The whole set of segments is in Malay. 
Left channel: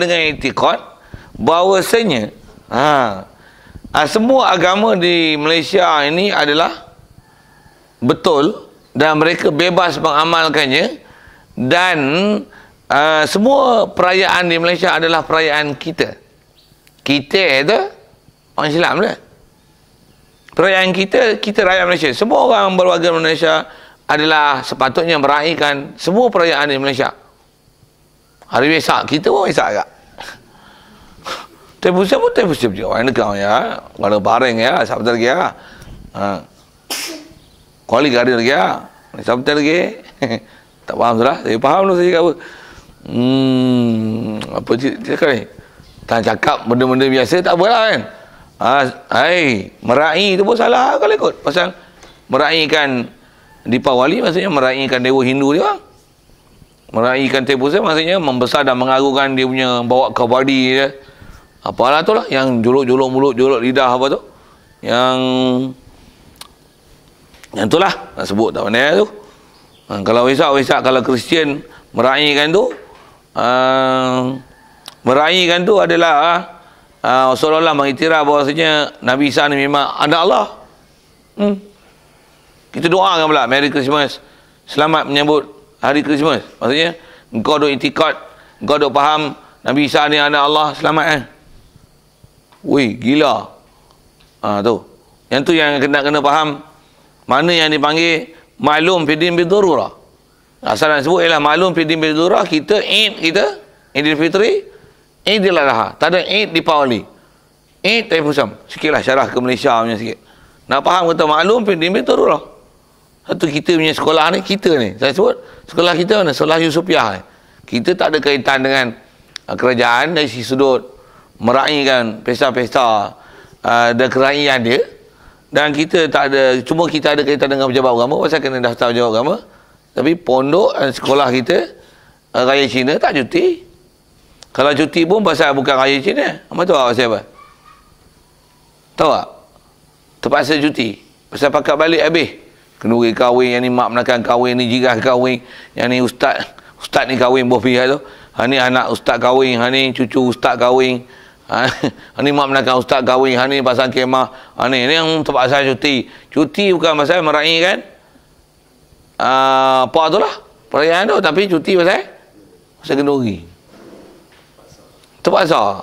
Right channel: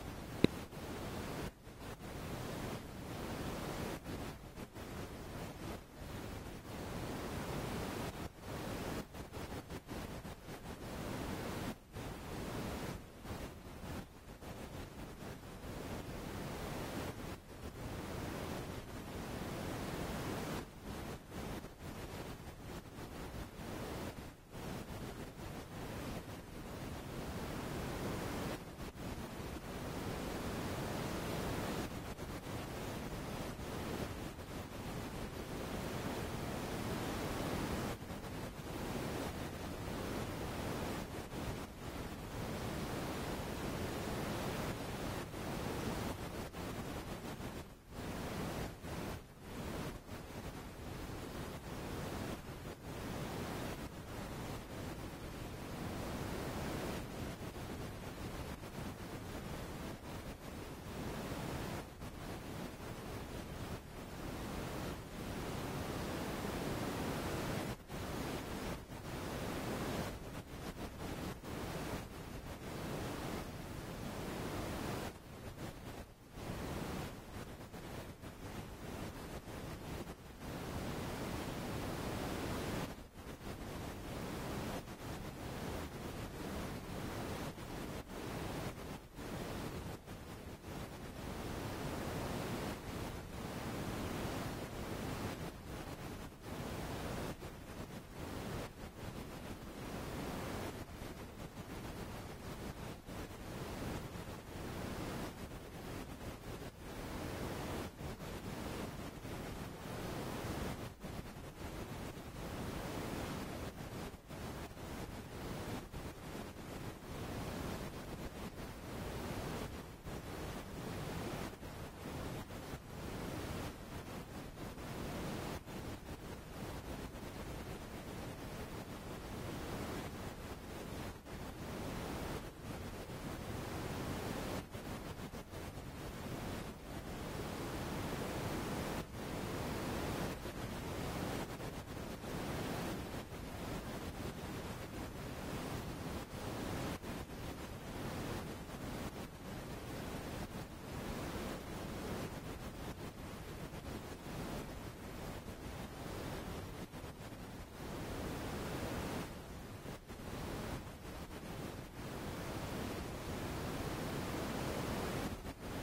dengan i'tiqad bahawasanya semua agama di Malaysia ini adalah betul dan mereka bebas mengamalkannya, dan semua perayaan di Malaysia adalah perayaan kita. Kita itu orang Islam lah. Perayaan kita rakyat Malaysia. Semua orang berwarga Malaysia adalah sepatutnya meraihkan semua perayaan di Malaysia. Hari Wesak, kita pun Wesak agak. Tempoh pun tempoh juga. Orang negara ya. Orang bareng ya. Sabtu lagi ya. Kuali gadir lagi ya. Sabtu lagi. Tak faham sudah. Saya faham tu saya cakap apa. Apa cakap ni? Tak cakap benda-benda biasa tak apalah kan. Meraih tu pun salah kalau ikut. Pasal meraihkan Deepawali maksudnya meraihkan dewa Hindu dia bang. Meraihkan Tepusa maksudnya membesar dan mengagungkan dia punya bawa kabadi dia. Apalah tu lah yang juluk-juluk mulut, juluk lidah apa tu. Yang itulah nak sebut tak pandai tu. Kalau Wesak kalau Kristian meraihkan tu adalah seolah-olah mengiktiraf bahawasanya Nabi Isa ni memang anak Allah. Kita doakan pula Merry Christmas, selamat menyambut Hari Christmas. Maksudnya engkau duk i'tikad, engkau duk faham Nabi Isa ni anak Allah, selamat Wih, gila. Tu. Yang tu yang kena faham mana yang dipanggil maklum fidin bidururah. Asal nak sebut ialah maklum fidin bidururah. Kita Idul Fitri, Idul Adha. Tak ada Eid Deepawali. Eid Taifusam. Sikitlah syarah ke Malaysia punya sikit. Nak faham kata maklum fidin bidururah. Satu kita punya sekolah ni, saya sebut sekolah kita mana? Sekolah Yusufiah ni. Kita tak ada kaitan dengan kerajaan dari sisi sudut meraihkan pesta-pesta dan kerajaan dia. Dan kita tak ada, cuma kita ada kaitan dengan pejabat agama pasal kena daftar pejabat agama. Tapi pondok dan sekolah kita Raya Cina tak cuti. Kalau cuti pun pasal bukan Raya Cina. Apa tahu pasal apa? Tahu tak? Terpaksa cuti pasal pakat balik habis. Kenduri kahwin, yang ni mak menakan kahwin, ni jirah kahwin, yang ni ustaz ni kahwin boh pihak tu. Ni anak ustaz kahwin, ni cucu ustaz kahwin. Ni mak menakan ustaz kahwin, ni pasang kemah. Ni yang terpaksa cuti. Cuti bukan pasal meraihkan apa tu lah perayaan tu, tapi cuti pasal kenduri. Terpaksa.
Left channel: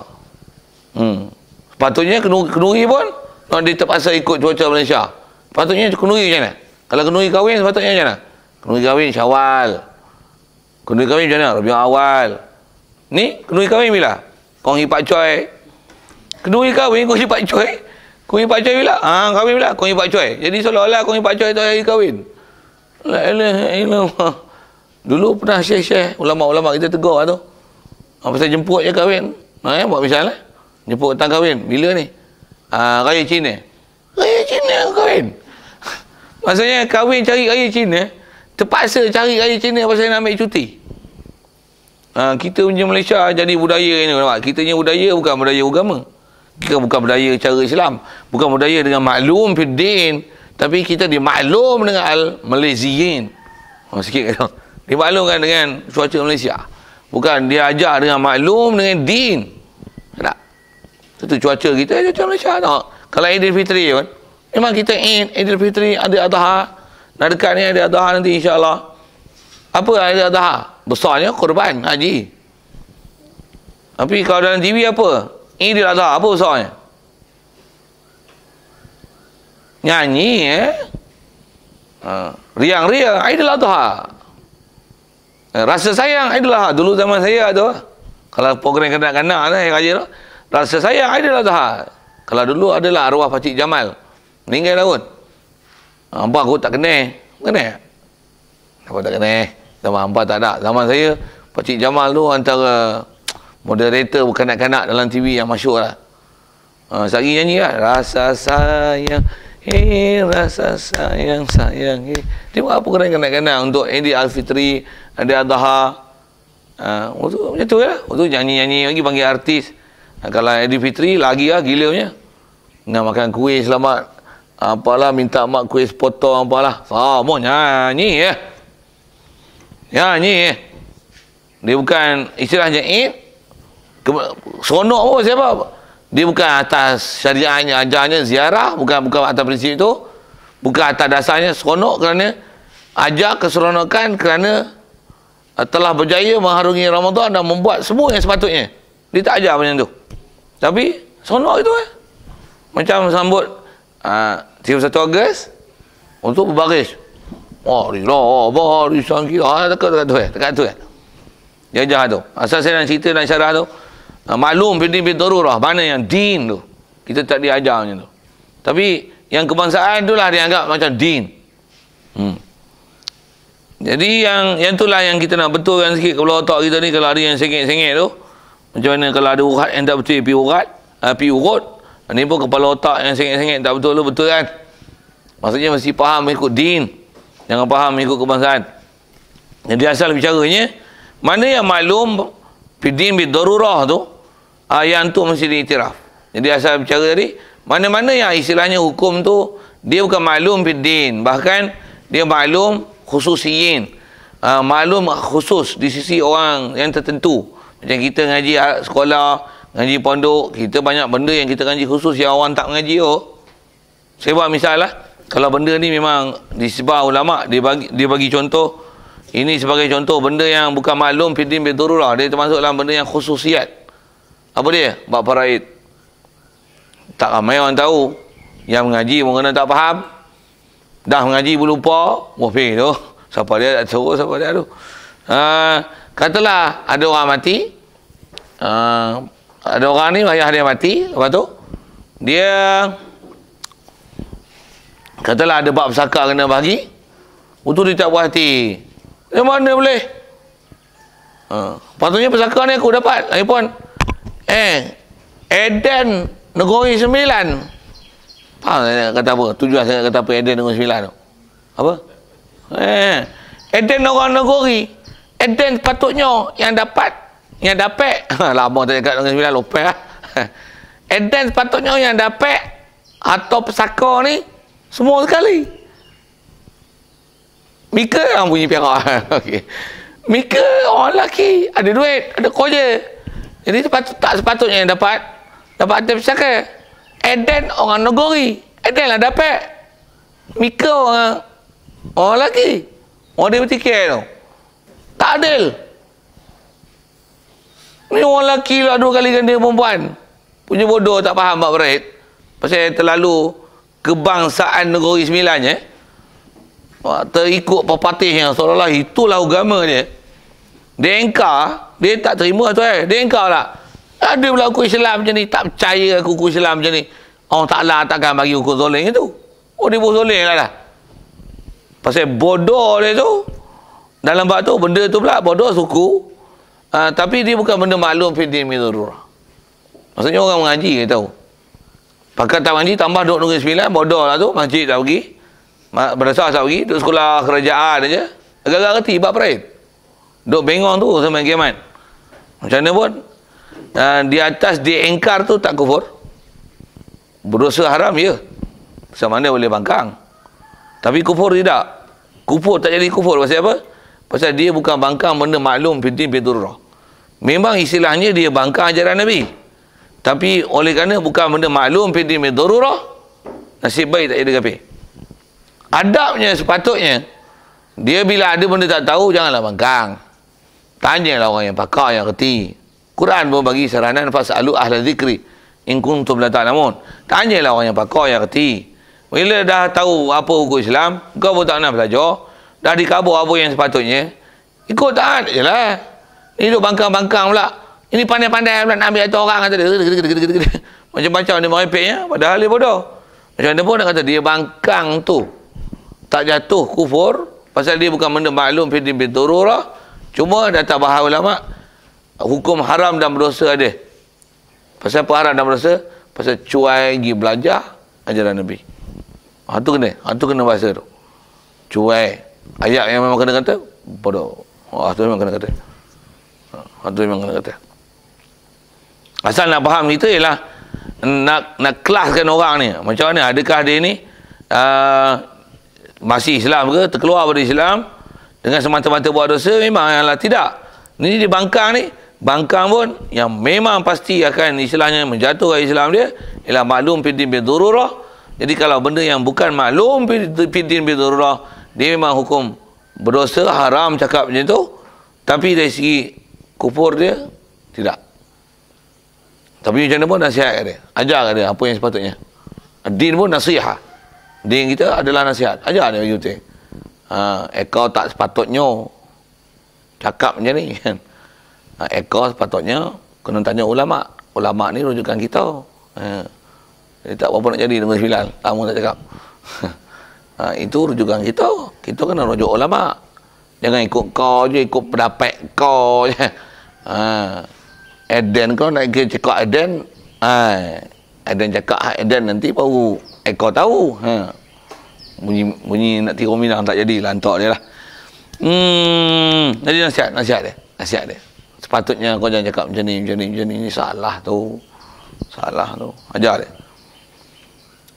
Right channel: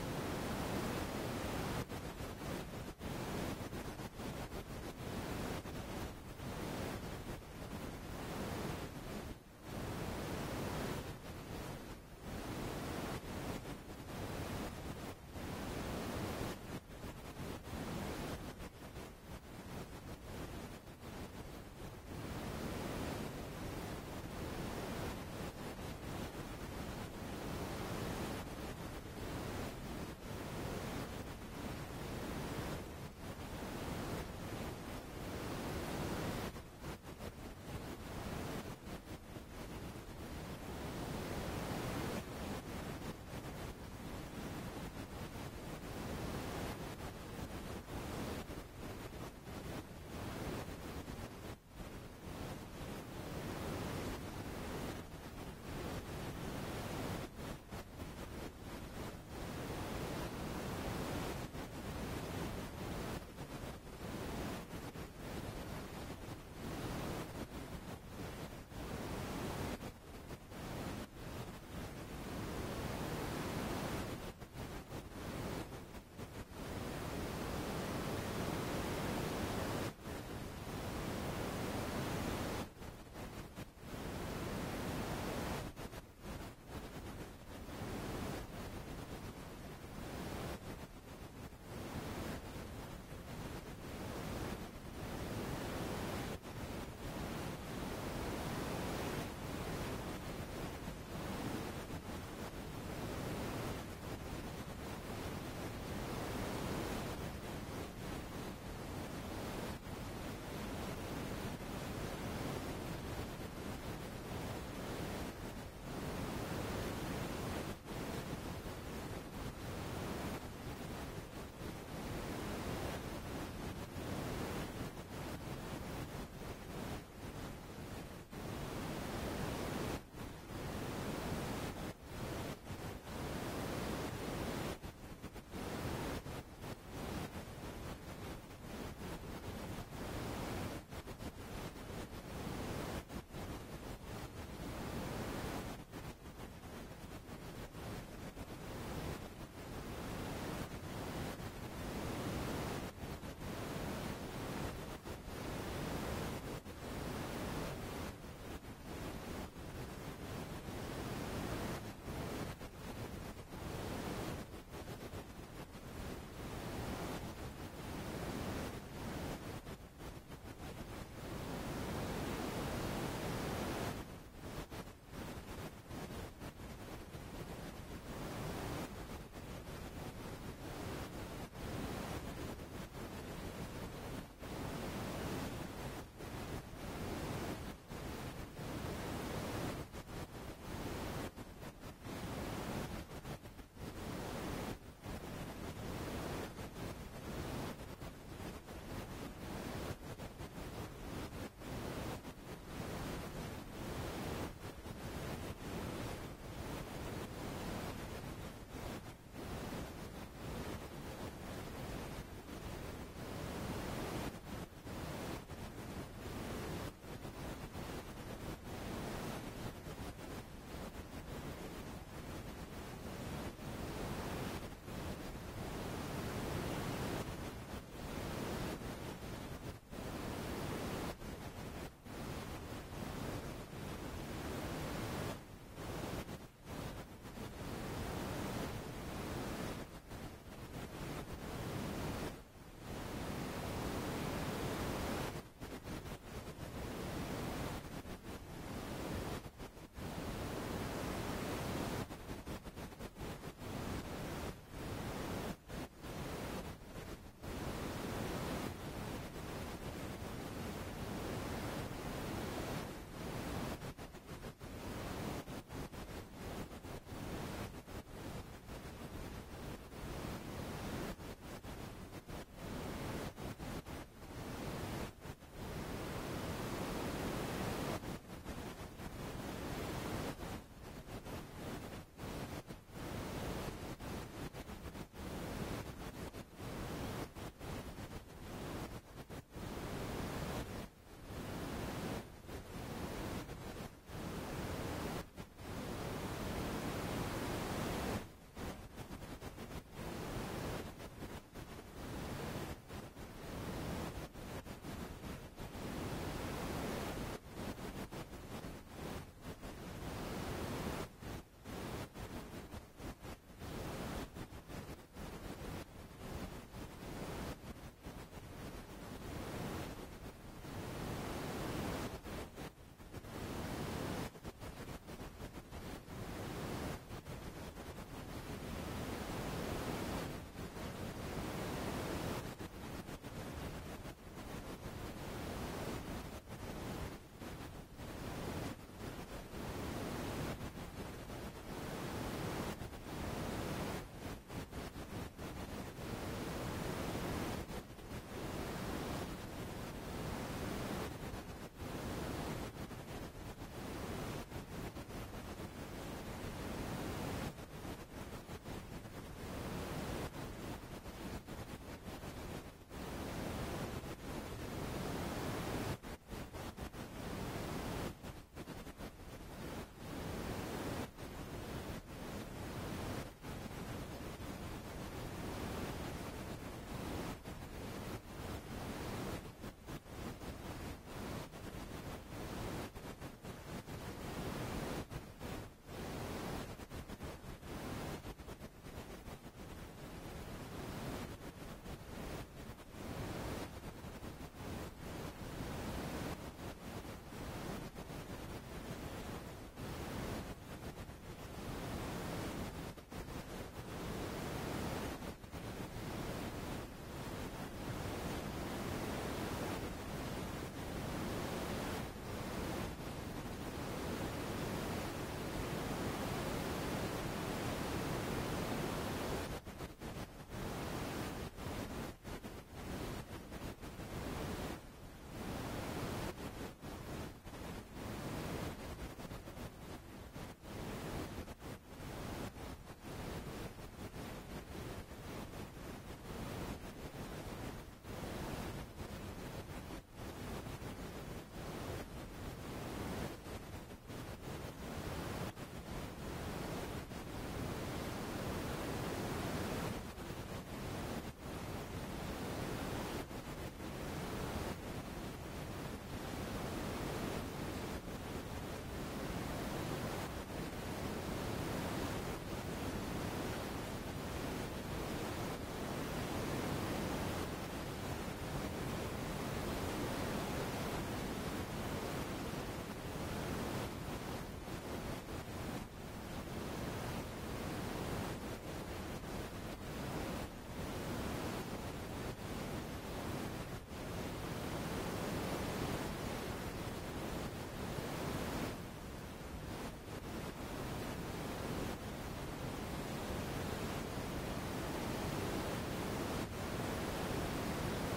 Patutnya kenduri pun dia terpaksa ikut cuaca Malaysia. Patutnya kenduri macam mana? Kalau kenduri kahwin sepatutnya macam mana? Kenduri kahwin Syawal. Kenduri kahwin macam mana? Rabiul Awal. Ni kenduri kahwin bila? Konghi Pak Coy. Kenduri kahwin konghi Pak Coy. Konghi Pak Coy bila? Kahwin bila? Konghi Pak Coy. Jadi seolah-olah konghi Pak Coy tu hari kahwin. Dulu pernah syekh-syekh ulama-ulama kita tegur tu. Pasal jemput je kahwin. Buat misal lah. Jemput datang kahwin. Bila ni? Raya Cina. Raya Cina kahwin. Maksudnya kahwin cari raya Cina, terpaksa cari raya Cina pasal nak ambil cuti. Kita punya Malaysia jadi budaya ni. Kita punya budaya bukan budaya agama. Kita bukan budaya cara Islam. Bukan budaya dengan maklum fiddin. Tapi kita dimaklum dengan al-Malaysiyin. Sikit kata. Dimaklumkan dengan cuaca Malaysia. Bukan dia ajar dengan maklum dengan din. Tak? Itu cuaca kita, cuaca Malaysia. Tak? Kalau Idul Fitri kan, memang kita Idul Fitri, ada Adha. Nak dekat ni ada Adha nanti insya-Allah. Apa ada Adha? Besarnya korban haji. Tapi kalau dalam TV apa? Idul Adha, apa besarnya? Nyanyi riang-riang Idul Adha. Rasa sayang Idul Adha. Dulu zaman saya tu, kalau program kanak-kanak ni raja tu, rasa sayang Idul Adha. Kalau dulu adalah arwah Pakcik Jamal. Meninggal tahun. Hampa aku tak kenal. Kenal? Aku tak kenal. Zaman hampa tak ada. Zaman saya, Pakcik Jamal tu antara moderator kanak-kanak dalam TV yang masyhur lah. Sehari nyanyi lah. Rasa sayang, rasa sayang, sayang. Dia buat apa kena kanak-kanak untuk Idul Al-Fitri, ada Adha. Macam tu lah. Untuk nyanyi-nyanyi lagi panggil artis. Kalau Idul Fitri lagi lah gila punya. Nak makan kuih selamat. Apalah minta mak kuih sepotong apalah. Mau nyanyi ya. Nyanyi. Dia bukan istilahnya Eid. Seronok pun siapa? Dia bukan atas syariahnya, ajarnya, ziarah, bukan atas prinsip itu. Bukan atas dasarnya seronok kerana ajar keseronokan kerana telah berjaya mengharungi Ramadan dan membuat semua yang sepatutnya. Dia tak ajar macam tu. Tapi seronok itu Macam sambut 31 Ogos untuk berbaris. Barisan kita. Dekat tu Dia ajar tu. Asal saya nak cerita dan syarah tu, maklum bidin darurah, mana yang din tu kita tak diajar macam tu. Tapi yang kebangsaan itulah dianggap macam din. Jadi yang itulah yang kita nak betulkan sikit kepala otak kita ni. Kalau ada yang sengit-sengit tu, macam mana kalau ada urat yang tak betul pi urut. Ini pun kepala otak yang sengit-sengit tak betul tu, betul kan? Maksudnya mesti faham ikut din, jangan faham ikut kebangsaan. Jadi asal bicaranya, mana yang maklum bidin darurah tu, yang tu mesti diiktiraf. Jadi asal bicara tadi, mana-mana yang istilahnya hukum tu dia bukan maklum bidin, bahkan dia maklum khususiyin, maklum khusus di sisi orang yang tertentu. Macam kita ngaji sekolah, ngaji pondok, kita banyak benda yang kita ngaji khusus yang orang tak mengaji. Saya buat misal lah, kalau benda ni memang disebar ulama, dia bagi contoh, ini sebagai contoh benda yang bukan maklum bidin darurah, dia termasuk dalam benda yang khususiat. Apa dia? Bab faraid. Tak ramai orang tahu. Yang mengaji mungkin tak faham. Dah mengaji pun lupa. Wafih tu. Siapa dia tak suruh, siapa dia tu. Katalah ada orang mati. Ada orang ni, ayah dia mati. Lepas tu, dia katalah ada bab pesaka kena bagi. Itu dia tak puas hati. Dari mana boleh? Patutnya pesaka ni aku dapat. Lagipun, Eden Negeri Sembilan. Saya kata apa? Tujuan saya kata apa Eden Negeri Sembilan tu? Apa? Eden orang negeri. Eden patutnya yang dapat. Lama tak cakap Negeri Sembilan, lupa lah. Eden patutnya yang dapat atau pesaka ni semua sekali. Mika orang bunyi piara. Okey. Mika orang lelaki, ada duit, ada kerja. Jadi tak sepatutnya yang dapat atas pesaka. Eden orang negeri. Eden lah dapat. Mika orang lelaki. Orang dia bertikir tu. Tak adil. Ni orang lelaki lah 2 kali ganda perempuan. Punya bodoh tak faham bab berit. Pasal terlalu kebangsaan Negeri Sembilan terikut pepatihnya seolah-olah itulah agama dia. Dia engkar, dia tak terima tu dia engkar lah. Ada pula hukum Islam macam ni, tak percaya aku hukum Islam macam ni. Allah Ta'ala takkan bagi hukum zolim itu. Dia buat zolim lah. Pasal bodoh dia tu, dalam bab tu, benda tu pula bodoh suku. Tapi dia bukan benda maklum fiddin darurah. Maksudnya orang mengaji dia tahu. Pakat tak mengaji tambah duduk Negeri Sembilan, bodoh lah tu, masjid tak pergi. Berdasar tak pergi, duduk sekolah kerajaan aja. Agak-agak reti bab peraid. Duduk bengong tu sampai kiamat. Macam mana pun, di atas diengkar tu tak kufur. Berdosa haram ya. Macam mana boleh bangkang. Tapi kufur tidak. Kufur tak jadi kufur. Pasal apa? Pasal dia bukan bangkang benda maklum fiddin darurah. Memang istilahnya dia bangkang ajaran Nabi. Tapi oleh kerana bukan benda maklum fiddin darurah, nasib baik tak jadi kafir. Adabnya sepatutnya, dia bila ada benda tak tahu, janganlah bangkang. Tanyalah orang yang pakar, yang reti. Quran pun bagi saranan, fas'alu ahla zikri in kuntum la ta'lamun. Tanyalah orang yang pakar, yang reti. Bila dah tahu apa hukum Islam, kau pun tak nak belajar, dah dikabur apa yang sepatutnya, ikut taat je lah. Ini duduk bangkang-bangkang pula. Ini pandai-pandai pula nak ambil atas orang, kata dia macam-macam dia merepeknya, padahal dia bodoh. Macam mana pun nak kata dia bangkang tu tak jatuh kufur, pasal dia bukan benda maklum fiddin darurah. Cuma datang bahas ulama, hukum haram dan berdosa ada. Pasal apa haram dan berdosa? Pasal cuai pergi belajar ajaran Nabi. Itu kena bahasa tu. Cuai. Ayat yang memang kena kata, bodoh. Itu memang kena kata. Itu memang kena kata. Asal nak faham kita ialah nak kelaskan orang ni. Macam mana? Adakah dia ni masih Islam ke? Terkeluar dari Islam dengan semata-mata buat dosa? Memang ialah tidak. Ini dia bangkang ni. bangkang pun yang memang pasti akan istilahnya menjatuhkan Islam dia ialah maklum fiddin bidururah. Jadi kalau benda yang bukan maklum fiddin bidururah, dia memang hukum berdosa, haram cakap macam tu. Tapi dari segi kufur dia tidak. Tapi macam mana pun nasihat kat dia, ajar kat dia apa yang sepatutnya. Din pun nasihat. Din kita adalah nasihat, ajar dia bagi betul. Kau tak sepatutnya cakap macam ni kan. Kau sepatutnya kena tanya ulama. Ulama ni rujukan kita. Dia tak apa nak jadi dengan Bilal, kamu tak cakap. Itu rujukan kita. Kita kena rujuk ulama. Jangan ikut kau je, ikut pendapat kau je. Eden kau nak cakap Eden. Eden cakap Eden nanti baru kau tahu. Bunyi nak tiru Minang tak jadi, lantak dia lah. Jadi nasihat dia. Sepatutnya kau jangan cakap macam ni. Ini salah tu. Ajar dia.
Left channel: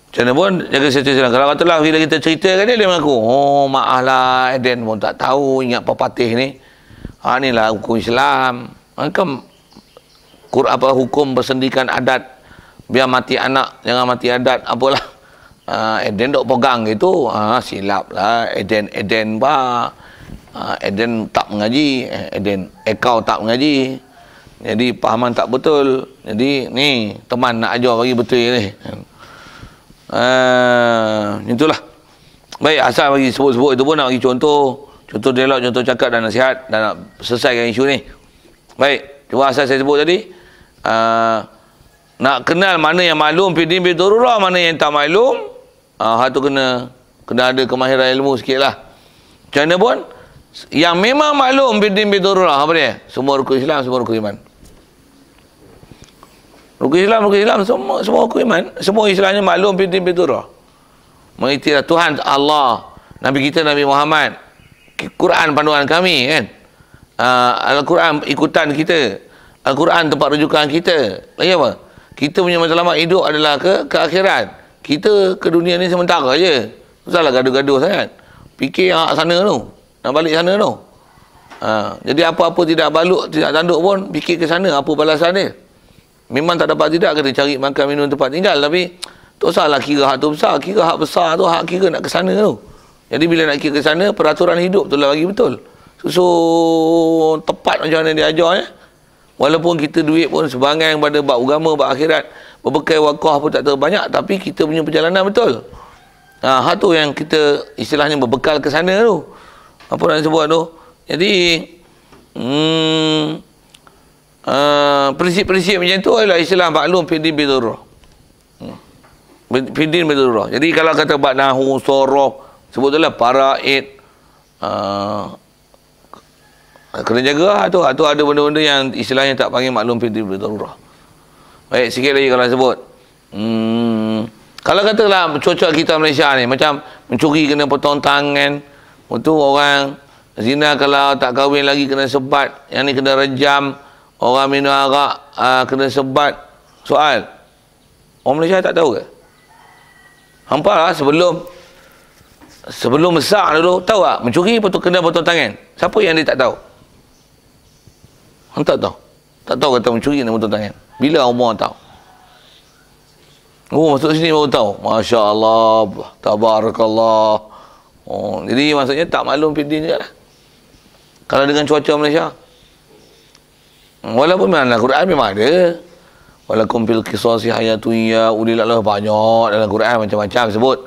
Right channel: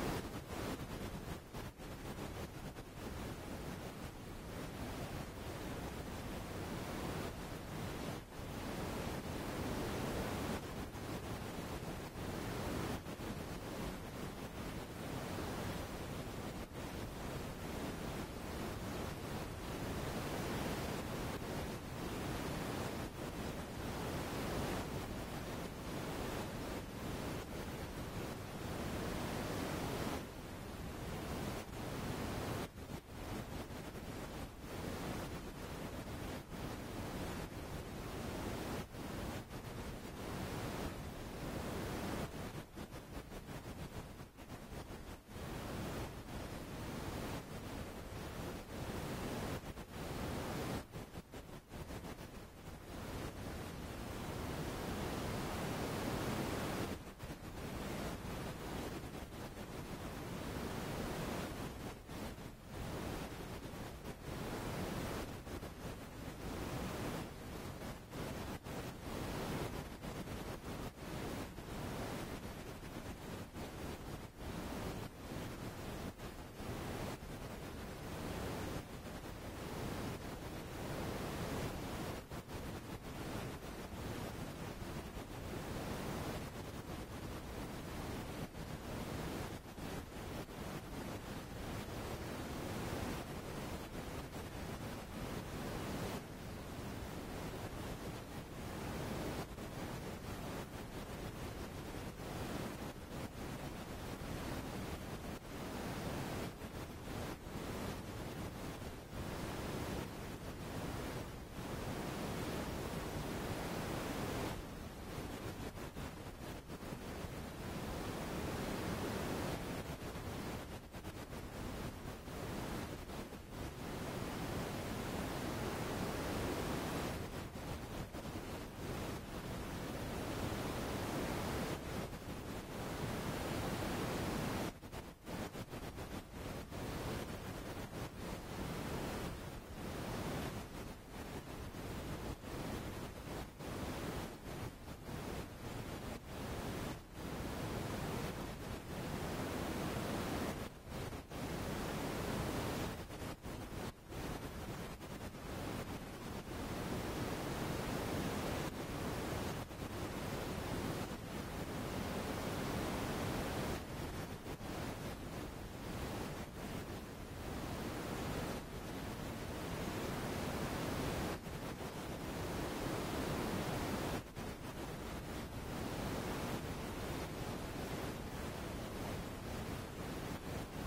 Macam mana pun jaga situasi. Kalau katalah bila kita ceritakan dia mengaku, oh maaf lah Eden pun tak tahu, ingat pepatih ni. Inilah hukum Islam. Maka hukum bersendikan adat, biar mati anak jangan mati adat, apalah. Eden dok pegang gitu, silap lah. Eden bah. Eden tak mengaji, kau tak mengaji. Jadi pahaman tak betul. Jadi ni teman nak ajar bagi betul ni. Itulah. Baik, asal bagi sebut-sebut itu pun nak bagi contoh dialog, contoh cakap dan nasihat dan nak selesaikan isu ni. Baik, cuma asal saya sebut tadi, nak kenal mana yang maklum fiddin bidururah, mana yang tak maklum, hal tu kena ada kemahiran ilmu sikitlah. Macam mana pun yang memang maklum fiddin bidururah, apa dia? Semua rukun Islam, semua rukun iman. Rukun Islam semua rukun iman, semua Islamnya maklum fiddin bidururah. Mengiktiraf Tuhan Allah, Nabi kita Nabi Muhammad, Quran panduan kami kan. Al-Quran ikutan kita, Al-Quran tempat rujukan kita. Lagi apa? Kita punya matlamat hidup adalah ke akhirat. Kita ke dunia ni sementara je. Usahlah gaduh-gaduh sangat. Fikir yang sana tu, nak balik sana tu. Jadi apa-apa tidak balut, tidak tanduk pun fikir ke sana, apa balasan dia. Memang tak dapat tidak kena cari makan minum tempat tinggal, tapi tak usahlah kira hak tu besar. Kira hak besar tu, hak kira nak ke sana tu. Jadi bila nak kira ke sana, peraturan hidup tu lah bagi betul. Susun tepat macam mana dia ajar ya. Walaupun kita duit pun sebangang pada bab agama, bab akhirat, berbekai wakaf pun tak terbanyak, tapi kita punya perjalanan betul. Hak tu yang kita istilahnya berbekal ke sana tu. Apa nak sebut tu? Jadi prinsip-prinsip macam tu adalah Islam maklum fiddin bidururah. Fiddin bidururah. Jadi kalau kata bab nahu, sorof, sebutlah paraid, kena jaga tu ada benda-benda yang istilahnya tak panggil maklum fiddin bidururah. Baik, sikit lagi kalau sebut. Kalau katalah cuaca kita Malaysia ni macam mencuri kena potong tangan, itu orang zina kalau tak kahwin lagi kena sebat, yang ni kena rejam, orang minum arak kena sebat. Soal, orang Malaysia tak tahu ke? Hampa lah sebelum besar dulu, tahu tak? Mencuri kena potong tangan. Siapa yang dia tak tahu? Hang tak tahu? Tak tahu kata mencuri kena potong tangan. Bila umur tahu? Masuk sini baru tahu. Masya Allah, tabarakallah. Jadi maksudnya tak maklum fiddin je lah. Kalau dengan cuaca Malaysia. Walaupun memang Al-Quran memang ada. Walakum fil qisasi hayatun ya ulil albab, banyak dalam Quran macam-macam sebut.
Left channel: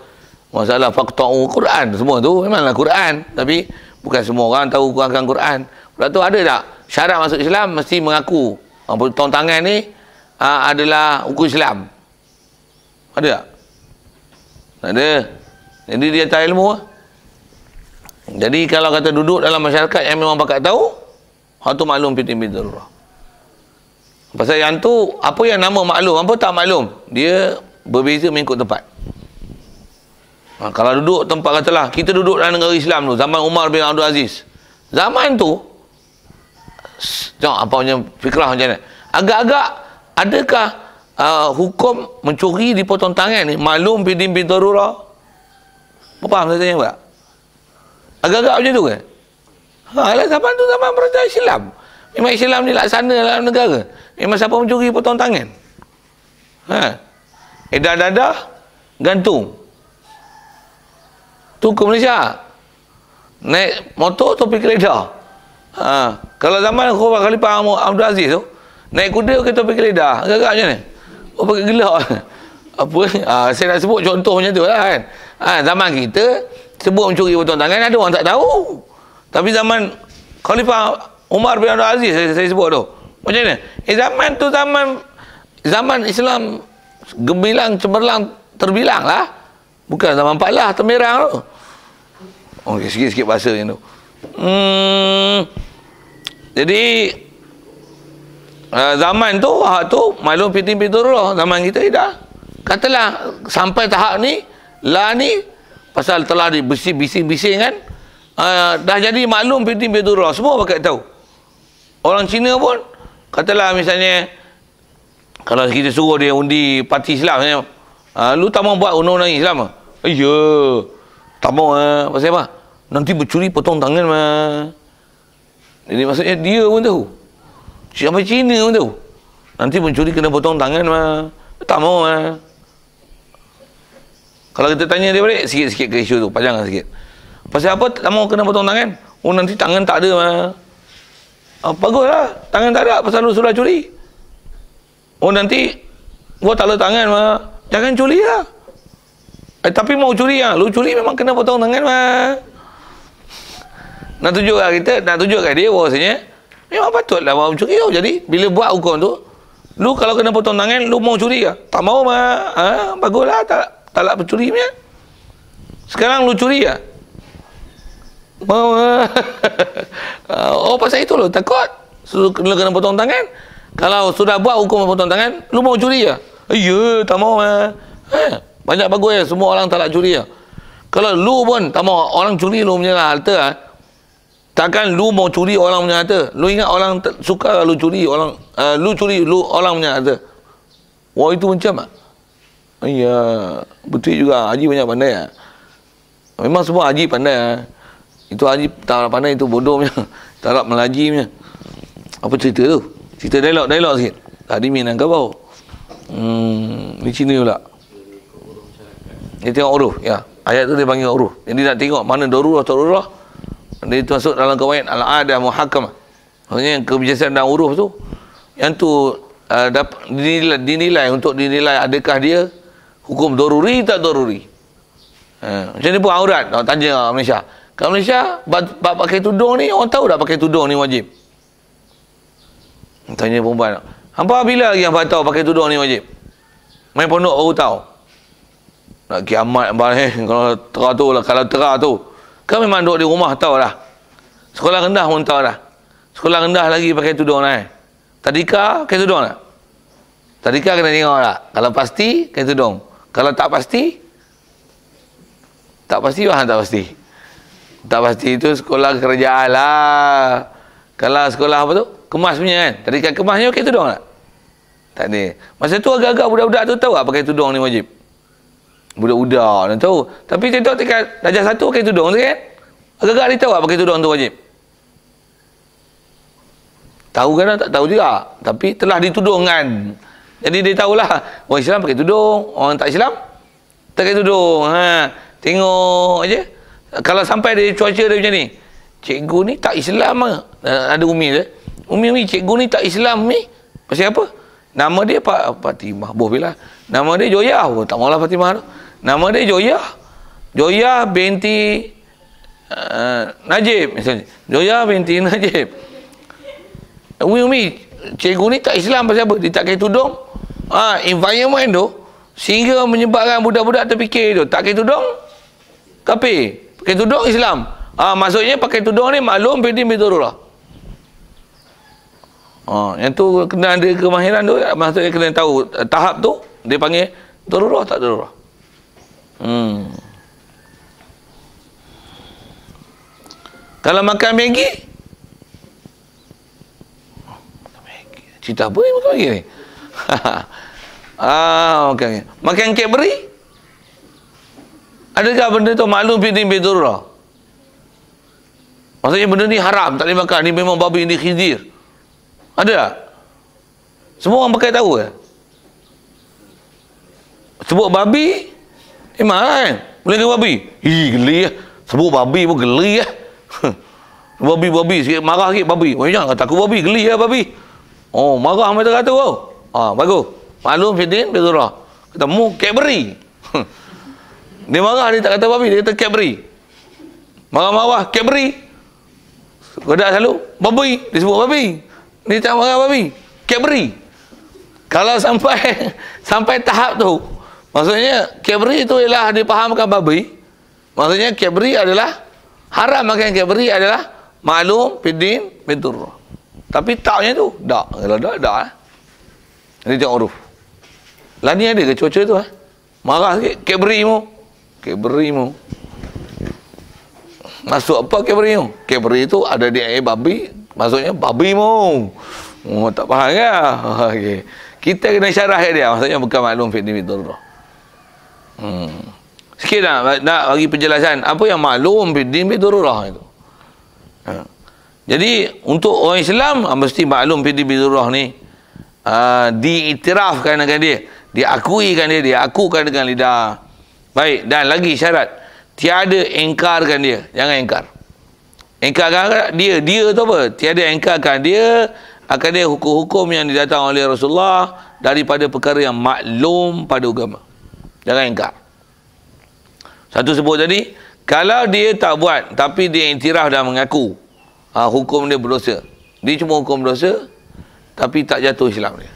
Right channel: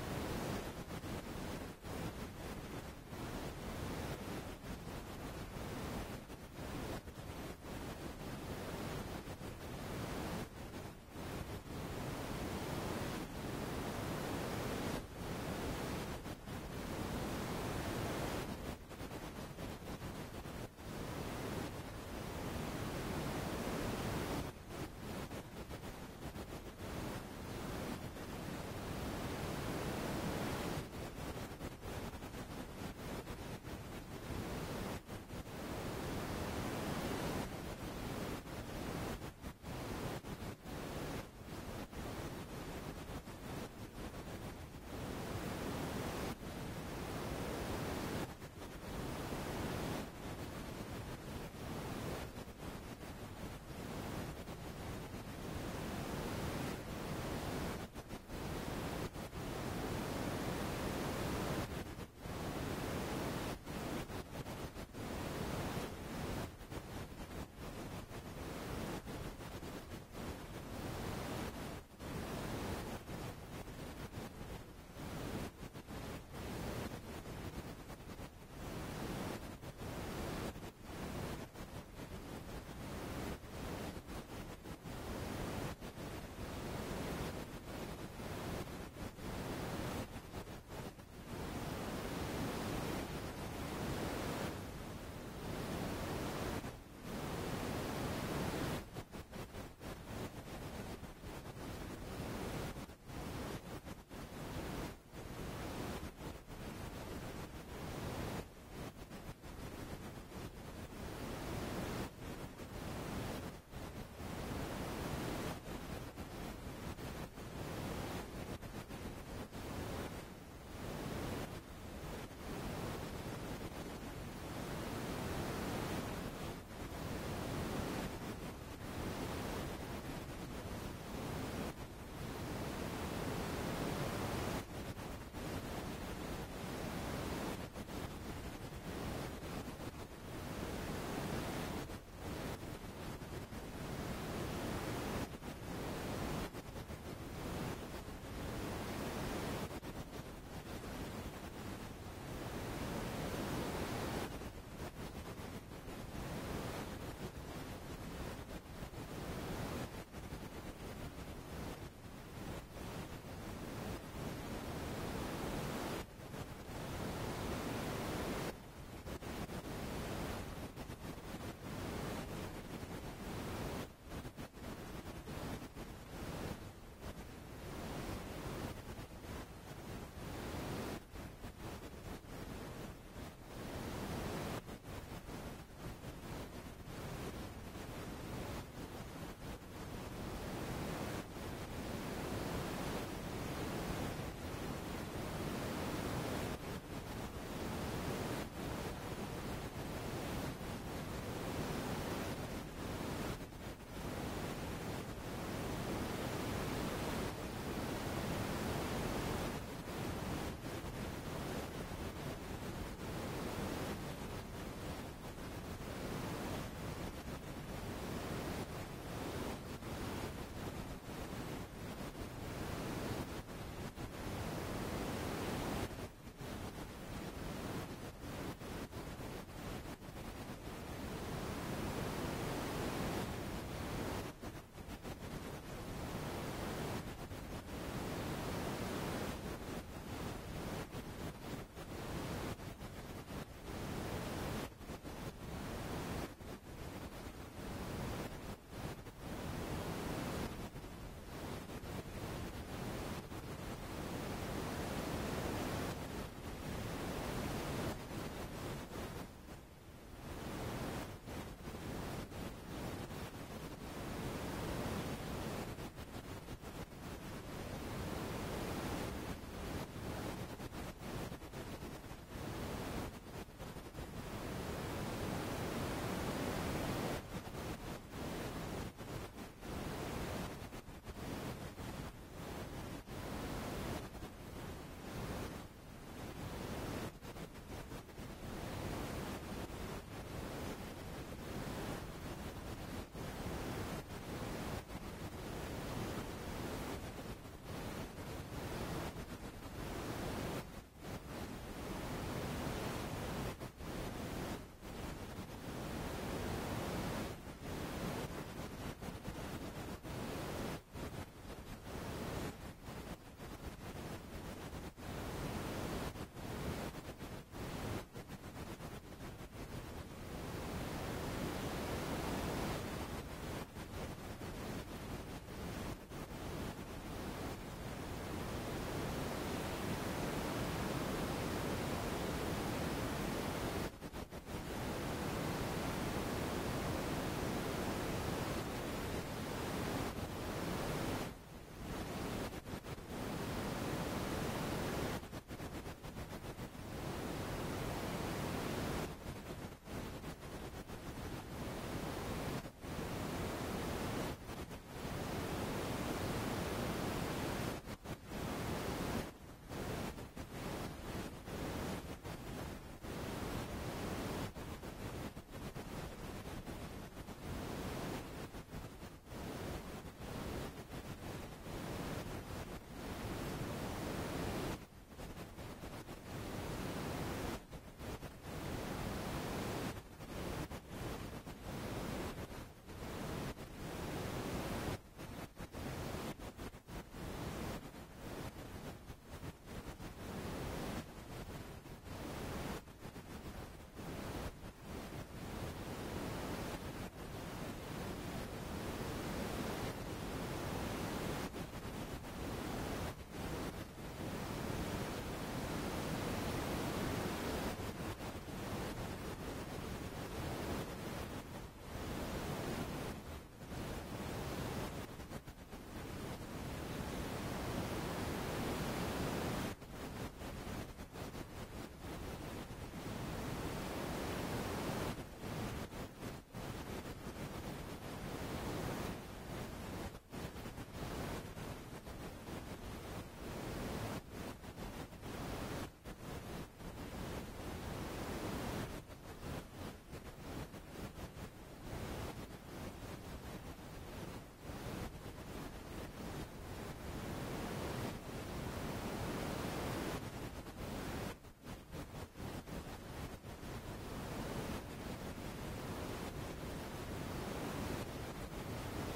Masalah faqta'u Quran, semua tu memanglah Quran, tapi bukan semua orang tahu akan Quran. Lepas tu ada tak syarat masuk Islam mesti mengaku potong tangan ni adalah hukum Islam? Ada tak? Tak ada. Jadi dia tak ilmu. Jadi kalau kata duduk dalam masyarakat yang memang pakat tahu, hal tu maklum fiddin bidururah. Pasal yang tu, apa yang nama maklum, apa tak maklum, dia berbeza mengikut tempat. Kalau duduk tempat katalah, kita duduk dalam negara Islam tu, zaman Umar bin Abdul Aziz. Zaman tu, tengok apa punya fikrah macam mana. Agak-agak, adakah hukum mencuri dipotong tangan ni maklum fiddin bidururah? Faham saya tanya tak? Agak-agak macam tu ke? Zaman tu zaman perintah Islam. Memang Islam ni laksana dalam negara. Memang siapa mencuri potong tangan. Edah dadah, gantung. Tu ke Malaysia. Naik motor, topi keledar. Kalau zaman Khalifah Abdul Aziz tu, naik kuda ke topi keledar. Agak-agak macam ni. Oh, pakai gelak. Apa? Saya nak sebut contoh macam tu lah kan. Zaman kita, sebut mencuri potong tangan, ada orang tak tahu. Tapi zaman Khalifah Umar bin Abdul Aziz, saya sebut tu. Macam mana? Zaman tu zaman Islam gemilang, cemerlang, terbilang lah. Bukan zaman Paklah, termerang tu. Oh, sikit-sikit bahasa macam tu. Jadi, zaman tu, maklum fitin fiturullah. Zaman kita dah. Katalah, sampai tahap ni, ni, pasal telah bising-bising kan, dah jadi maklum fitin fiturullah. Semua pakai tahu. Orang Cina pun, katalah misalnya, kalau kita suruh dia undi parti Islam, lu tak mau buat undang-undang Islam? Ya, tak mau. Pasal apa? Nanti bercuri potong tangan mah. Jadi maksudnya dia pun tahu. Sampai Cina pun tahu. Nanti mencuri kena potong tangan mah. Tak mau mah. Kalau kita tanya dia balik, sikit-sikit ke isu tu, panjang sikit. Pasal apa tak mau kena potong tangan? Oh, nanti tangan tak ada mah. Baguslah, tangan tak ada pasal lu sudah curi. Oh, nanti gua tak ada tangan mah. Jangan curi lah. Tapi mau curi lah. Lu curi memang kena potong tangan mah. Nak tunjukkan dia bahawasanya memang patutlah mau curi tau. Jadi bila buat hukum tu, lu kalau kena potong tangan, lu mau curi ke? Tak mau mah. Baguslah, tak nak bercuri punya. Sekarang lu curi ke? Mau. Oh, pasal itu lu takut. Lu kena potong tangan. Kalau sudah buat hukum potong tangan, lu mau curi ke? Ya, tak mau mah. Banyak bagus ya, semua orang tak nak curi ya. Kalau lu pun tak mau orang curi lu punya harta, takkan lu mau curi orang punya harta. Lu ingat orang suka lu curi orang, lu curi orang punya harta. Wah, itu macam tak? Ya, betul juga. Haji banyak pandai ya. Memang semua haji pandai. Itu haji tak pandai, itu bodoh punya. Tak nak melaji punya. Apa cerita tu? Cerita dialog sikit. Tadi Minang Kabau. Ni Cina pula. Dia tengok huruf. Ya. Ayat tu dia panggil huruf. Jadi nak tengok mana darurah tak darurah. Dia tu masuk dalam kawaid al-adah muhakkamah. Maksudnya kebiasaan dalam huruf tu, yang tu dinilai untuk dinilai adakah dia hukum daruri tak daruri. Macam ni pun aurat. Tanya Malaysia. Kalau Malaysia, pakai tudung ni, orang tahu tak pakai tudung ni wajib? Tanya perempuan. Hampa bila lagi hampa tahu pakai tudung ni wajib? Main pondok baru tahu. Nak kiamat kalau terah tu lah, kalau terah tu. Kan memang duduk di rumah tahu dah. Sekolah rendah pun tahu dah. Sekolah rendah lagi pakai tudung lah. Tadika pakai tudung tak? Tadika kena tengok tak? Kalau pasti pakai tudung. Kalau tak pasti? Tak pasti bahan tak pasti. Tak pasti itu sekolah kerajaan lah. Kalau sekolah apa tu? Kemas punya kan? Tadika kemasnya pakai tudung tak? Tak ada. Masa tu agak-agak budak-budak tu tahu tak pakai tudung ni wajib? Budak-budak dia tahu. Tapi tengok tingkat darjah 1 pakai tudung tu kan? Agak-agak dia tahu tak pakai tudung tu wajib? Tahu kan tak tahu juga. Tapi telah ditudungkan. Jadi dia tahulah. Orang Islam pakai tudung. Orang tak Islam tak pakai tudung. Tengok aja. Kalau sampai dia cuaca dia macam ni. Cikgu ni tak Islam lah. Ada Umi tu. Umi, cikgu ni tak Islam ni. Pasal apa? Nama dia Fatimah. Bila. Nama dia Joyah. Oh, tak maulah Fatimah tu. Nama dia Joyah. Joyah binti Najib misalnya. Joyah binti Najib. Umi, cikgu ni tak Islam pasal apa? Dia tak pakai tudung. Environment tu sehingga menyebabkan budak-budak terfikir tu tak pakai tudung kafir. Pakai tudung Islam. Maksudnya pakai tudung ni maklum fitin bidarurah. Yang tu kena ada kemahiran tu, maksudnya kena tahu tahap tu dia panggil darurah tak darurah. Kalau makan Maggi, cerita apa ni makan Maggi ni? Okay. Makan Cadbury, adakah benda tu maklum fitin bidarurah? Maksudnya benda ni haram, tak boleh makan. Ni memang babi, ni khinzir. Ada tak? Semua orang pakai tahu ke? Sebut babi, marah kan? Boleh ke babi? Geli lah. Sebut babi pun geli lah. Babi sikit, marah sikit babi. Oh, jangan kata aku babi, geli lah babi. Oh, marah macam kata kau. Bagus. Maklum Fiddin, Bizurrah. Kata, mu Cadbury. Dia marah, dia tak kata babi, dia kata Cadbury. Marah-marah, Cadbury. Godak selalu, babi. Dia sebut babi. Dia tak marah babi. Cadbury. Kalau sampai tahap tu, maksudnya Cadbury itu ialah dipahamkan babi. Maksudnya Cadbury adalah haram makan Cadbury adalah maklum Fiddin, Bizurrah. Tapi taknya tu, tak. Kalau tak lah. Ini tengok huruf. Lah ni ada ke cuaca tu marah sikit, Cadbury mu. Masuk apa Cadbury mu? Cadbury tu ada di air babi, maksudnya babi mu. Oh, tak faham ke? Okey. Kita kena syarah dia, maksudnya bukan maklum Fiddin, Bizurrah. Sikit nak bagi penjelasan apa yang maklum Fiddin, Bizurrah itu. Jadi untuk orang Islam mesti maklum Fiddin, Bizurrah ni diiktirafkan dengan dia, diakuikan dia, diakukan dengan lidah. Baik, dan lagi syarat, tiada engkarkan dia. Jangan engkar. Engkarkan dia tu apa? Tiada engkarkan dia akan dia hukum-hukum yang didatang oleh Rasulullah daripada perkara yang maklum pada agama. Jangan engkar. Satu sebut tadi, kalau dia tak buat tapi dia iktiraf dan mengaku, hukum dia berdosa. Dia cuma hukum berdosa tapi tak jatuh Islam dia.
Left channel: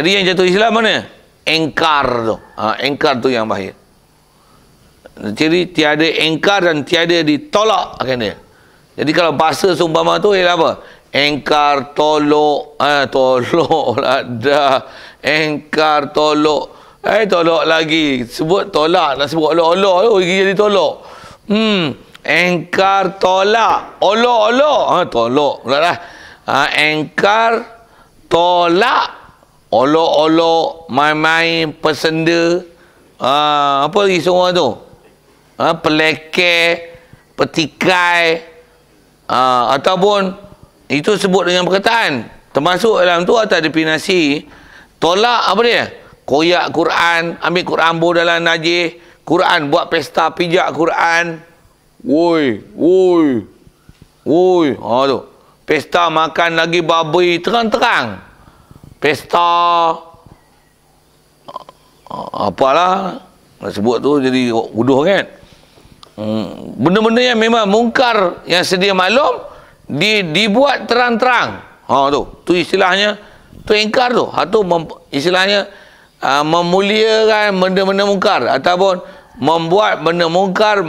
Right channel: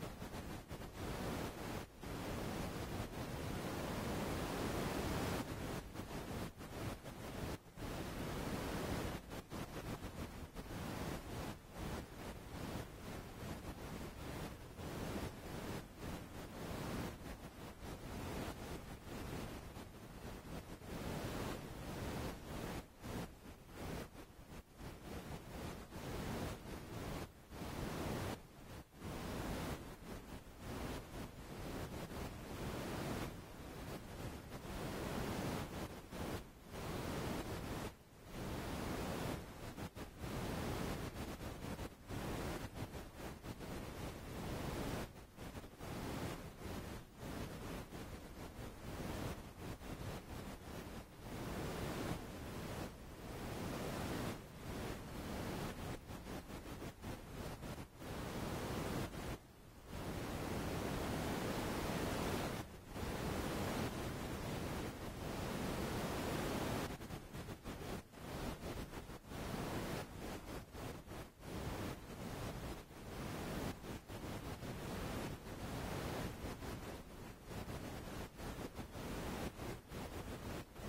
Jadi yang jatuh Islam mana? Engkar tu. Engkar tu yang bahaya. Jadi tiada engkar dan tiada ditolak akan dia. Jadi kalau bahasa seumpama tu ialah apa? Engkar, tolok, tolok lah dah. Engkar, tolok. Tolok lagi. Sebut tolak, nak sebut olok-olok tu, jadi tolok. Engkar, tolak. Olok-olok. Tolok pula lah. Engkar, tolak. Olok-olok, main-main, pesenda. Apa lagi semua tu? Pelekeh, petikai. Ataupun itu sebut dengan perkataan. Termasuk dalam tu atas definisi tolak apa dia? Koyak Quran, ambil Quran dalam najis, Quran buat pesta pijak Quran. Woi. Tu. Pesta makan lagi babi terang-terang. Pesta apalah nak sebut tu jadi uduh kan. Benda-benda yang memang mungkar yang sedia maklum dibuat terang-terang. Tu istilahnya tu ingkar tu. Istilahnya memuliakan benda-benda mungkar ataupun membuat benda mungkar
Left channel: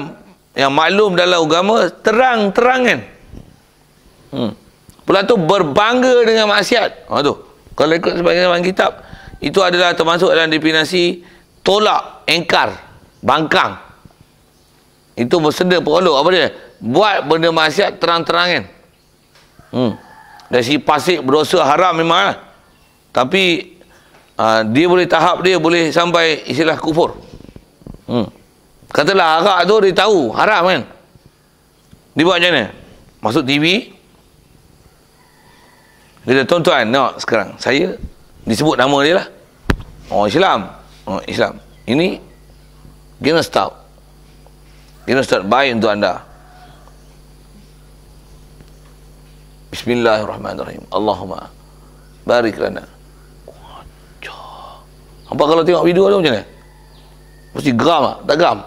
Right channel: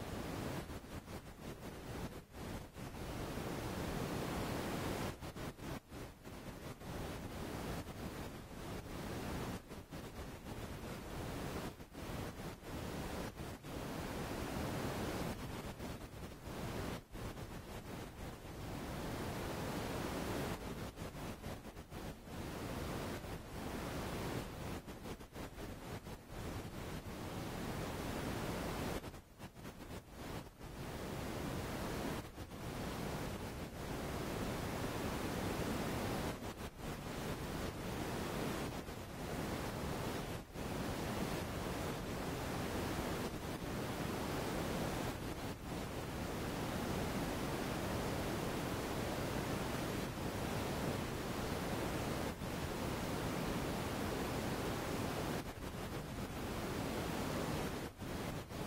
yang maklum dalam agama terang-terangan. Pula tu berbangga dengan maksiat. Tu. Kalau ikut sebagian dalam kitab, itu adalah termasuk dalam definisi tolak, engkar, bangkang. Itu bersenda perolok apa dia? Buat benda maksiat terang-terangan. Dari segi pasik berdosa haram memang lah. Tapi dia boleh tahap dia boleh sampai istilah kufur. Katalah arak tu dia tahu haram kan. Dia buat macam mana? Masuk TV. Dia kata, tuan-tuan, nak sekarang saya disebut nama dia lah. Islam. Islam. Ini kena stop. Kena start baik untuk anda. Bismillahirrahmanirrahim. Allahumma barik lana. Apa kalau tengok video tu macam ni? Mesti geram tak? Tak geram?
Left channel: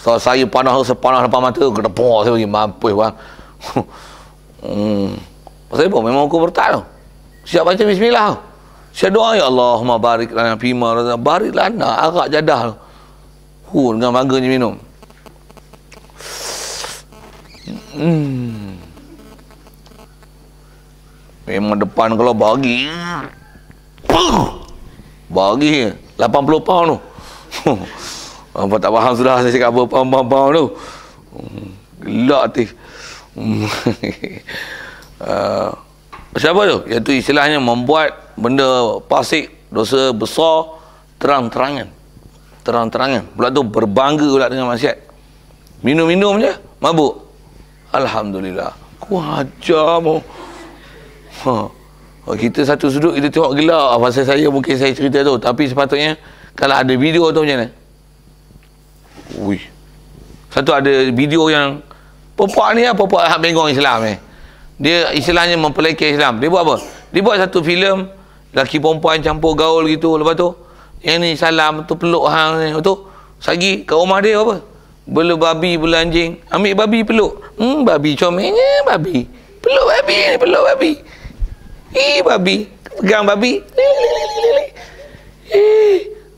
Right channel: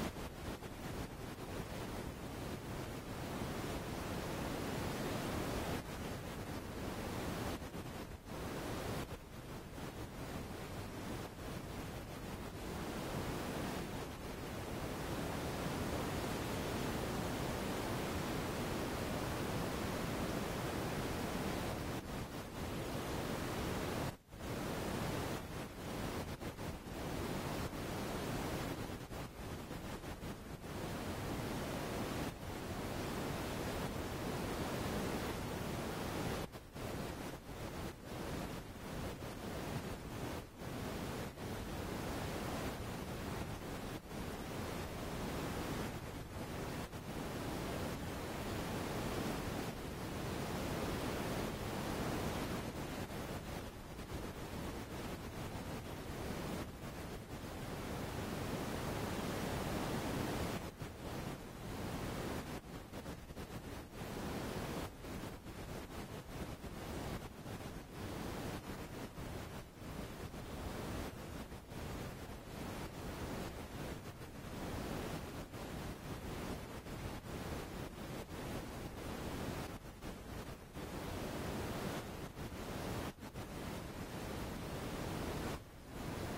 So, saya sepanah depan mata, kedepok saya bagi mampus bang. Pasal apa? Memang hukum murtad tu. Siap baca bismillah tu. Siap doa, ya Allahumma barik lana fima, barik lana arak jadah tu. Dengan bangganya minum. Memang depan kalau bagi 80 pound tu. Apa tak faham sudah saya cakap apa pound tu. Gelak hati. Siapa tu? Iaitu istilahnya membuat benda fasik, dosa besar terang-terangan. Terang-terangan. Pula tu berbangga pula dengan maksiat. Minum-minum je, mabuk. Alhamdulillah. Ku ajar mu. Kita satu sudut kita tengok gelak. Pasal saya mungkin saya cerita tu. Tapi sepatutnya kalau ada video tu macam mana? Ui. Satu ada video yang perempuan ni lah, perempuan hak bengong Islam ni. Dia istilahnya mempelekeh Islam. Dia buat apa? Dia buat satu filem lelaki perempuan campur gaul gitu. Lepas tu yang ni salam tu peluk hang ni. Lepas tu sagi kat rumah dia apa? Bela babi, bela anjing. Ambil babi peluk. Babi comelnya babi. Peluk babi ni, peluk babi. Babi. Pegang babi.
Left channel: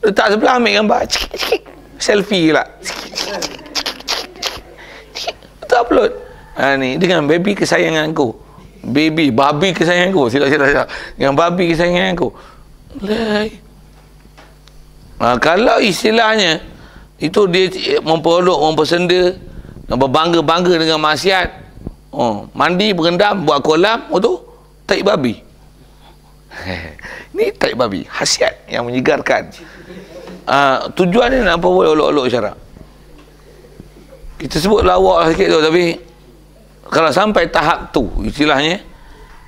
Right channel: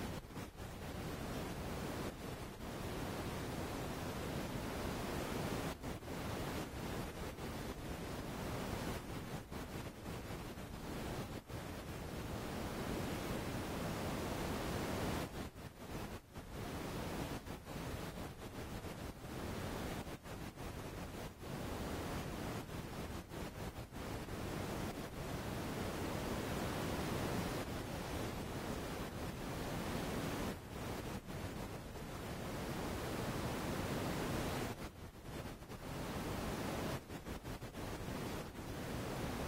Letak sebelah ambil gambar. Selfie pula. Tak upload. Ni dengan baby kesayanganku. Babi kesayanganku. Silap. Dengan babi kesayanganku. Kalau istilahnya itu dia mempeluk, mempersenda, berbangga-bangga dengan maksiat. Mandi berendam, buat kolam, tu taik babi. Ni taik babi, khasiat yang menyegarkan. Tujuan ni nak apa boleh olok-olok syarak. Kita sebut lawak sikit tu, tapi kalau sampai tahap tu istilahnya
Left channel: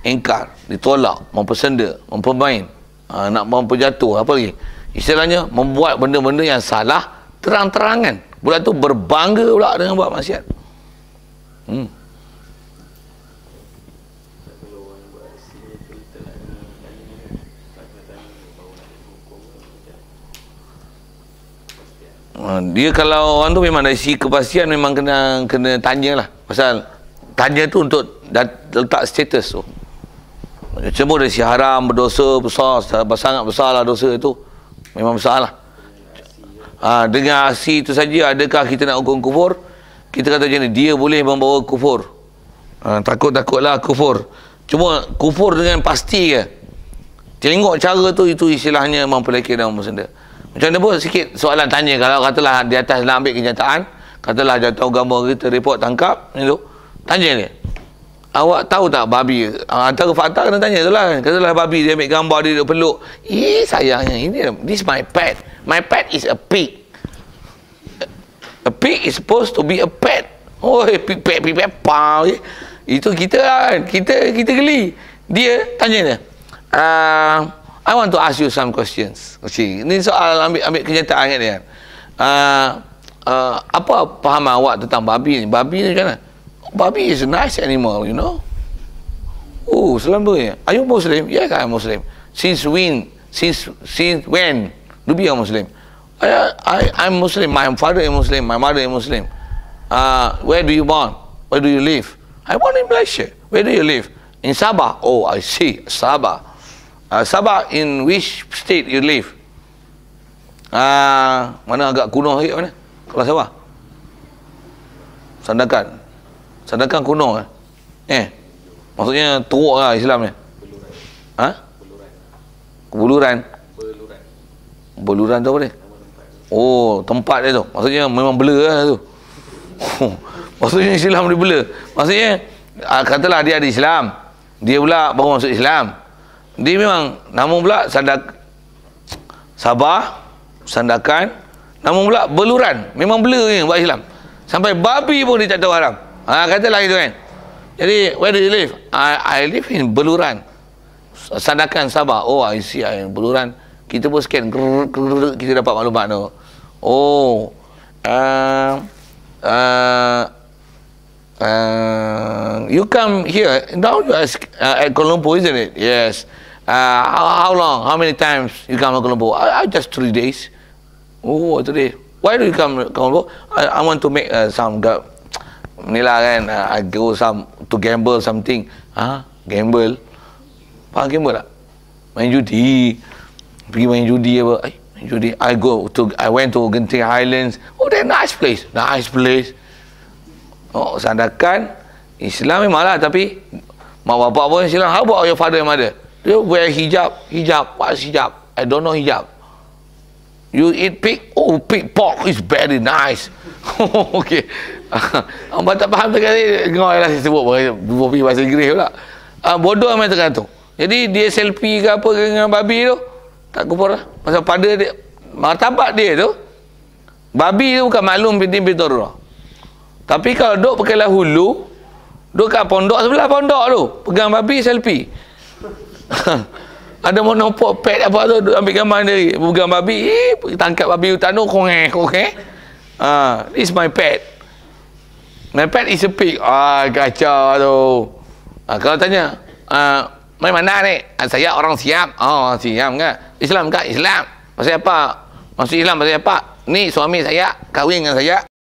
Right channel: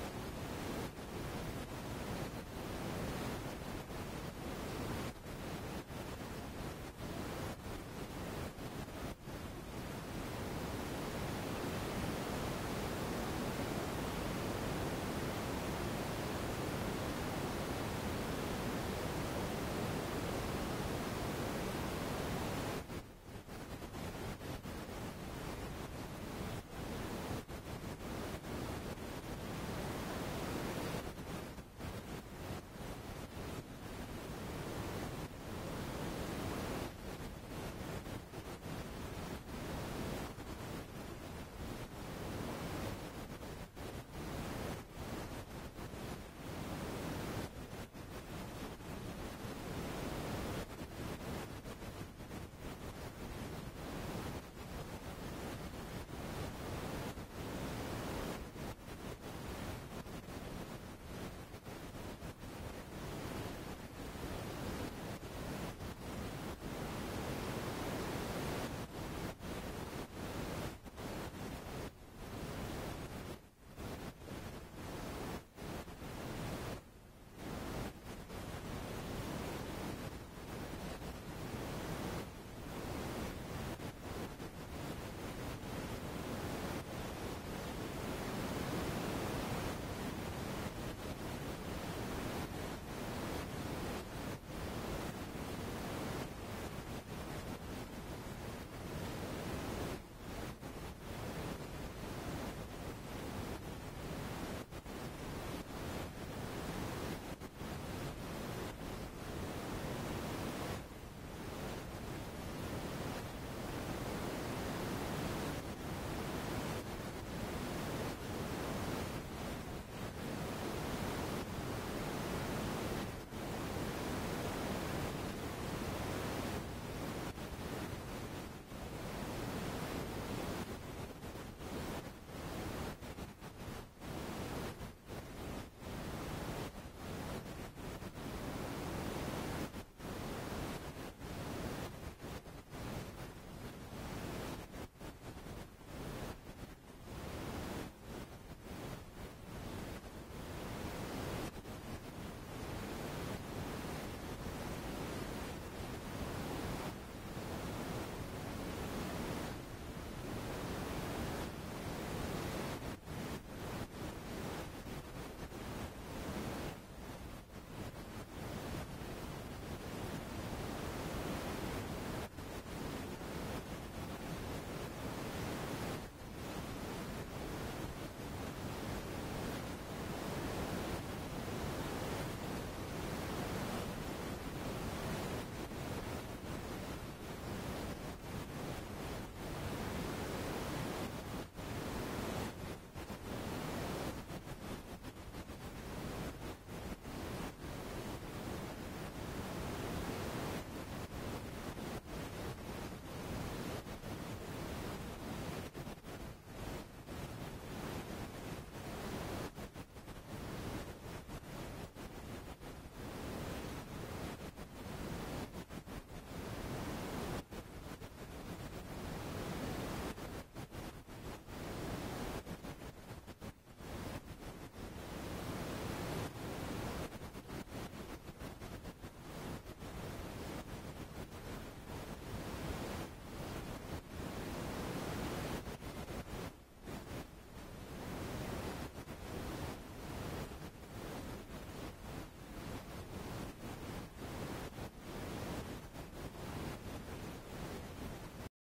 ingkar, ditolak, mempersenda, mempermain, nak memperjatuh, apa lagi istilahnya membuat benda-benda yang salah terang-terangan, budak tu berbangga pula dengan buat maksiat. Dia kalau orang tu memang dari segi kepastian memang kena tanya lah. Pasal tanya tu untuk letak status tu. Cuma dari si haram, berdosa besar, sangat besar lah dosa itu. Memang besar lah. Dengan aksi itu saja, adakah kita nak hukum kufur? Kita kata macam ni, dia boleh membawa kufur. Takut-takutlah kufur. Cuma kufur dengan pasti ke? Tengok cara tu, itu istilahnya mempelekeh dan mempersenda. Macam mana pun sikit soalan tanya. Kalau katalah di atas nak ambil kenyataan, katalah jatuh gambar kita report tangkap itu, tanya dia, awak tahu tak babi? Antara fakta kena tanya tu lah. Katalah babi dia ambil gambar dia peluk, sayangnya ini, this my pet. My pet is a pig. A pig is supposed to be a pet. Pig, pau. Itu kita kan, kita geli. Dia tanya dia, I want to ask you some questions. Ini soal ambil kenyataan kan dia. Apa pahaman awak tentang babi ni? Babi ni macam mana? Babi is a nice animal, you know. Selalunya. Are you Muslim? Yes, I am Muslim. Since when do you are Muslim? I'm Muslim. My father is Muslim. My mother is Muslim. Where do you born? Where do you live? I born in Malaysia. Where do you live? In Sabah. Oh, I see. Sabah. Sabah, in which state you live? Mana agak kuno sikit mana? Kalau Sabah. Sandakan kuno maksudnya teruk lah Islam ni. Buluran tu apa dia? Tempat dia tu. Maksudnya memang blur lah tu. Maksudnya Islam dia blur. Maksudnya katalah dia ada Islam, dia pula baru masuk Islam. Dia memang namun pula Sabah, Sandakan, namun pula beluran. Memang blur ni buat Islam. Sampai babi pun dia tak tahu haram. Katalah itu kan. Jadi, where do you live? I live in Beluran. Sandakan, Sabah. Oh, I see. Beluran. Kita pun scan. Kita dapat maklumat tu. You come here. Now you are at Kuala Lumpur, isn't it? Yes. How long? How many times you come to Kuala Lumpur? Just 3 days. 3 days. Why do you come to Kuala Lumpur? I want to make some ni lah kan, I go to gamble something. Gamble? Faham gamble tak? Main judi. Pergi main judi apa? Judi. I went to Genting Highlands. Oh, that nice place. Nice place. Sandakan Islam memang lah, tapi mak bapak pun Islam. How about your father and mother? They wear hijab. What's hijab? I don't know hijab. You eat pig? Oh, pig pork is very nice. Okay. Abang tak faham sekali. Ngoi lah saya sebut bahasa Inggeris pula. Bodoh amat tergantung. Jadi dia selfie ke apa dengan babi tu, tak kufur lah. Pasal pada dia, martabat dia tu, babi tu bukan maklum binti darurah. Tapi kalau duk pakai hulu, duk kat pondok sebelah pondok tu, pegang babi selfie. Ada monopod pet apa tu, duk ambil gambar dia, pegang babi, tangkap babi hutan tu, kongeh. This is my pet. My pet is a pig. Kacau tu. Kalau tanya, mai mana ni? Saya orang Siam. Siam kan? Islam kan? Islam. Pasal apa? Masuk Islam pasal apa? Ni suami saya, kahwin dengan saya.